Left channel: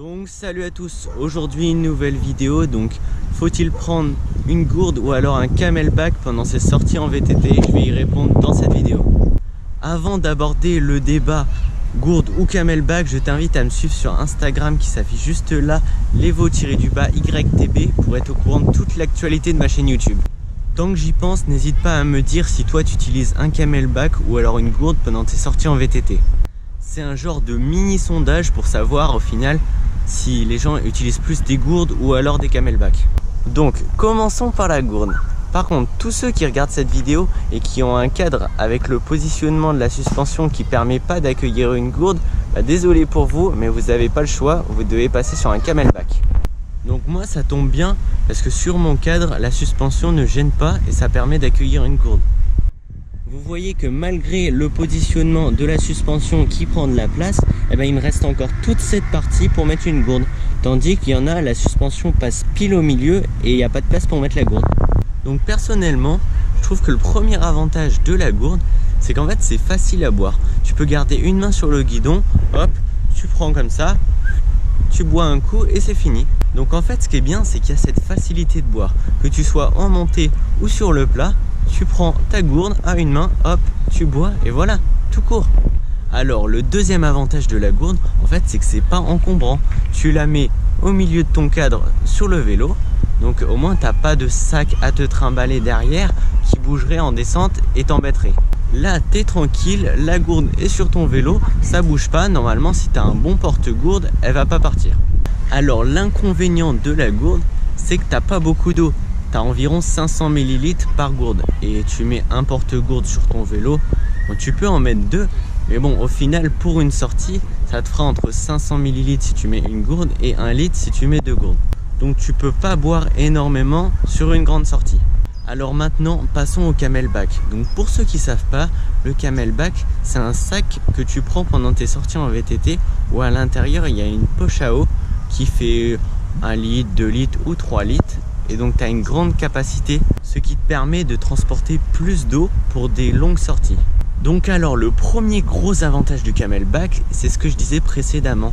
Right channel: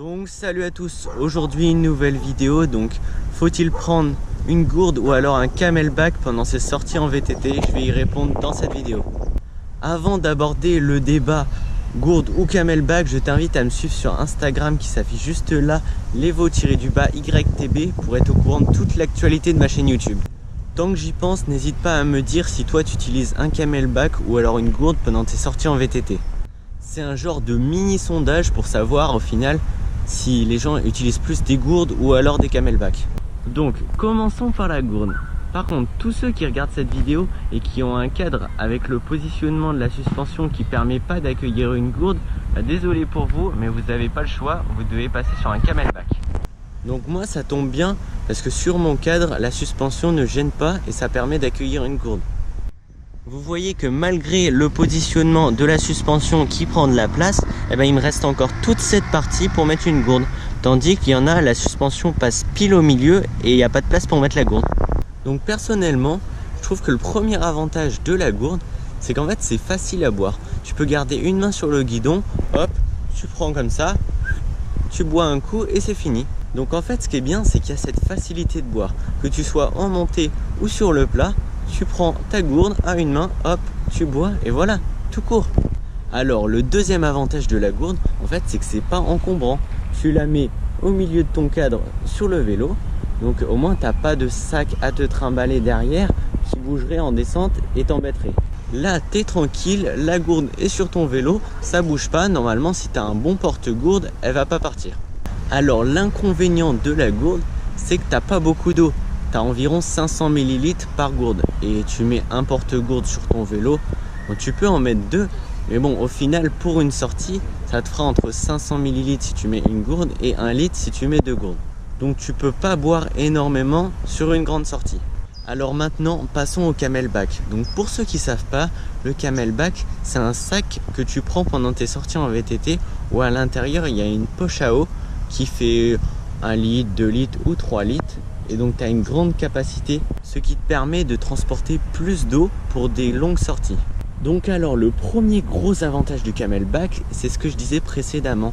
Donc salut à tous, aujourd'hui une nouvelle vidéo. Donc faut-il prendre une gourde ou alors un camelback pendant ses sorties en VTT? Je vais y répondre dans cette vidéo. Avant d'aborder le débat gourde ou camelback, je t'invite à me suivre sur Instagram qui s'affiche juste là, levo-ytb, pour être au courant de toute l'actualité de ma chaîne YouTube. Tant que j'y pense, n'hésite pas à me dire si toi tu utilises un camelback ou alors une gourde pendant tes sorties en VTT. C'est un genre de mini sondage pour savoir au final si les gens utilisent plus des gourdes ou alors des camelbacks. Donc commençons par la gourde. Par contre, tous ceux qui regardent cette vidéo et qui ont un cadre avec le positionnement de la suspension qui permet pas d'accueillir une gourde, désolé pour vous, mais vous n'avez pas le choix, vous devez passer sur un camelback. Donc moi ça tombe bien parce que sur mon cadre, la suspension ne gêne pas et ça permet d'accueillir une gourde. Vous voyez que malgré le positionnement de la suspension qui prend de la place, il me reste encore toute cette partie pour mettre une gourde. Tandis qu'il y en a, la suspension passe pile au milieu et il n'y a pas de place pour mettre la gourde. Donc personnellement, je trouve que le premier avantage de la gourde, c'est qu'en fait c'est facile à boire. Tu peux garder une main sur le guidon, hop, tu prends comme ça, tu bois un coup et c'est fini. Donc en fait ce qui est bien, c'est qu'il y a cette facilité de boire. Que tu sois en montée ou sur le plat, tu prends ta gourde à une main, hop, tu bois et voilà, tout court. Alors le deuxième avantage de la gourde, en fait, c'est que c'est pas encombrant. Tu la mets au milieu de ton cadre sur le vélo, donc au moins t'as pas de sac à te trimballer derrière qui bougerait en descente et t'embêterait. Là t'es tranquille, la gourde est sur ton vélo, ça bouge pas. Normalement si t'as un bon porte-gourde, elle va pas partir. Alors l'inconvénient de la gourde, c'est que t'as pas beaucoup d'eau. Tu as environ 500 ml par gourde et tu mets un porte-gourde sur ton vélo. Bon, tu peux en mettre deux, mais bon, au final, pour une sortie, ça te fera entre 500 ml si tu mets une gourde et 1 litre si tu mets deux gourdes. Donc tu peux pas boire énormément sur une grande sortie. Alors maintenant, passons au camelback. Donc pour ceux qui savent pas, le camelback, c'est un sac que tu prends pendant tes sorties en VTT où à l'intérieur, il y a une poche à eau qui fait 1 litre, 2 litres ou 3 litres. Et donc tu as une grande capacité, ce qui te permet de transporter plus d'eau pour des longues sorties. Donc alors le premier gros avantage du camelback, c'est ce que je disais précédemment.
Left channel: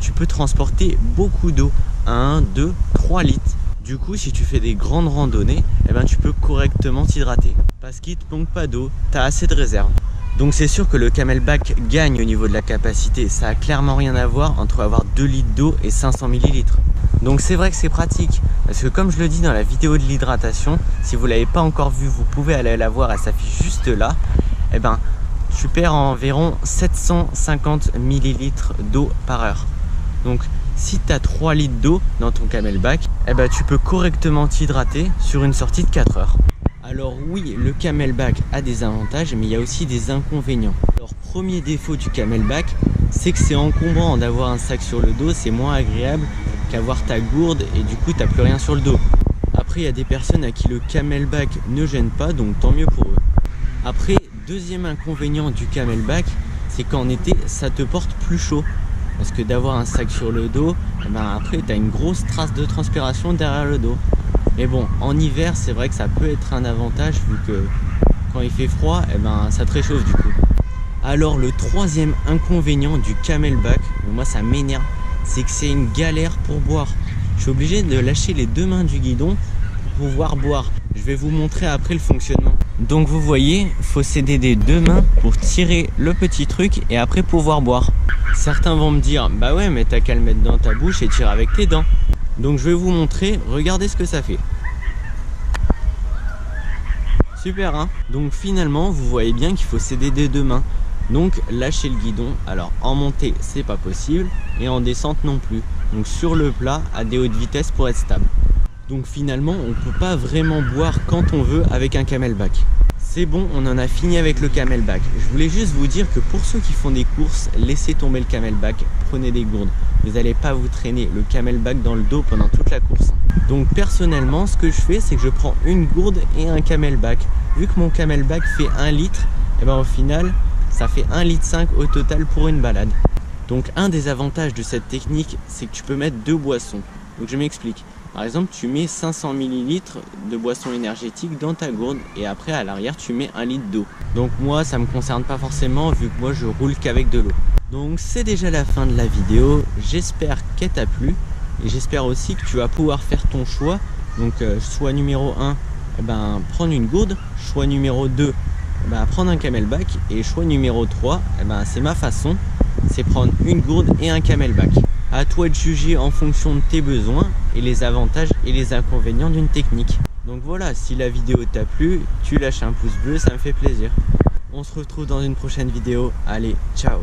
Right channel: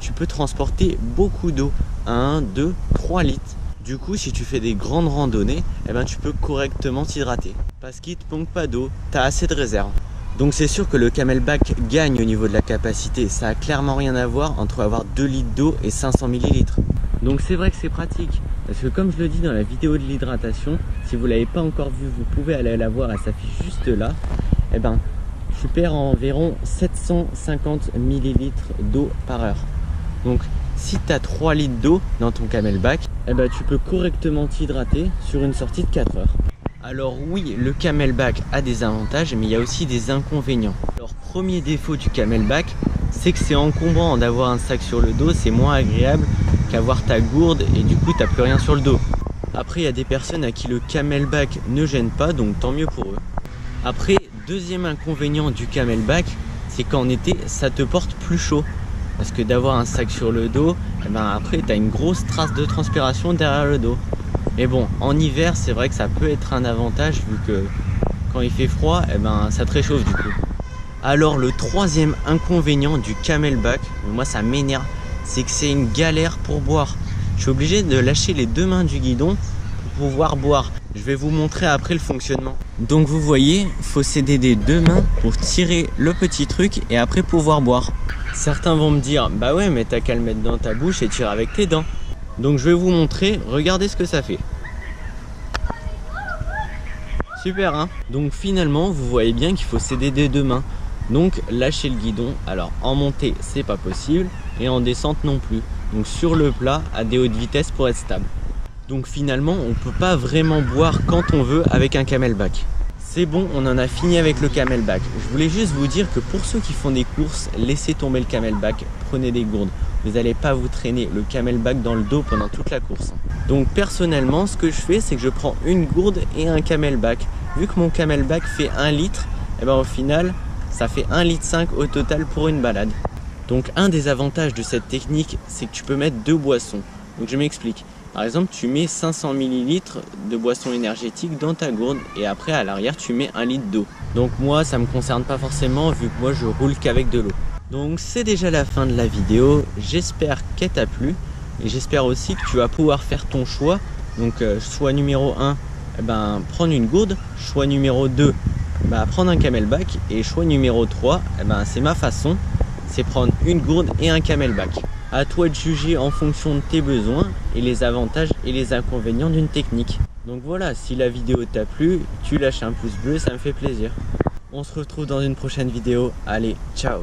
Tu peux transporter beaucoup d'eau, 1, 2, 3 litres. Du coup si tu fais des grandes randonnées, tu peux correctement t'hydrater. Parce qu'il ne te manque pas d'eau, tu as assez de réserve. Donc c'est sûr que le camelback gagne au niveau de la capacité. Ça a clairement rien à voir entre avoir 2 litres d'eau et 500 ml. Donc c'est vrai que c'est pratique. Parce que comme je le dis dans la vidéo de l'hydratation, si vous ne l'avez pas encore vue, vous pouvez aller la voir, elle s'affiche juste là. Tu perds environ 750 ml d'eau par heure. Donc si tu as 3 litres d'eau dans ton camelback, tu peux correctement t'hydrater sur une sortie de 4 heures. Alors oui, le camelback a des avantages, mais il y a aussi des inconvénients. Alors premier défaut du camelback, c'est que c'est encombrant d'avoir un sac sur le dos, c'est moins agréable qu'avoir ta gourde et du coup t'as plus rien sur le dos. Après il y a des personnes à qui le camelback ne gêne pas, donc tant mieux pour eux. Après, deuxième inconvénient du camelback, c'est qu'en été ça te porte plus chaud. Parce que d'avoir un sac sur le dos, après tu as une grosse trace de transpiration derrière le dos. Mais bon, en hiver c'est vrai que ça peut être un avantage vu que quand il fait froid, ça te réchauffe du coup. Alors le troisième inconvénient du camelback, moi ça m'énerve, c'est que c'est une galère pour boire. Je suis obligé de lâcher les deux mains du guidon pour pouvoir boire. Je vais vous montrer après le fonctionnement. Donc vous voyez, il faut s'aider des deux mains pour tirer le petit truc et après pouvoir boire. Certains vont me dire, bah ouais mais t'as qu'à le mettre dans ta bouche et tirer avec tes dents. Donc je vais vous montrer, regardez ce que ça fait. Super hein. Donc finalement vous voyez bien qu'il faut s'aider des deux mains. Donc lâchez le guidon, alors en montée c'est pas possible et en descente non plus. Donc sur le plat à des hautes vitesses pour être stable. Donc finalement on peut pas vraiment boire quand on veut avec un camelback. C'est bon, on en a fini avec le camelback. Je voulais juste vous dire que pour ceux qui font des courses, laissez tomber le camelback, prenez des gourdes. Vous n'allez pas vous traîner le camelback dans le dos pendant toute la course. Donc personnellement ce que je fais c'est que je prends une gourde et un camelback. Vu que mon camelback fait 1 litre, au final ça fait 1,5 litre au total pour une balade. Donc un des avantages de cette technique, c'est que tu peux mettre deux boissons. Donc je m'explique. Par exemple, tu mets 500 ml de boisson énergétique dans ta gourde et après à l'arrière tu mets 1 litre d'eau. Donc moi ça me concerne pas forcément vu que moi je roule qu'avec de l'eau. Donc c'est déjà la fin de la vidéo, j'espère qu'elle t'a plu et j'espère aussi que tu vas pouvoir faire ton choix. Donc choix numéro 1, prendre une gourde, choix numéro 2, prendre un camelback, et choix numéro 3, c'est ma façon, c'est prendre une gourde et un camelback. À toi de juger en fonction de tes besoins et les avantages et les inconvénients d'une technique. Donc voilà, si la vidéo t'a plu, tu lâches un pouce bleu, ça me fait plaisir. On se retrouve dans une prochaine vidéo. Allez, ciao!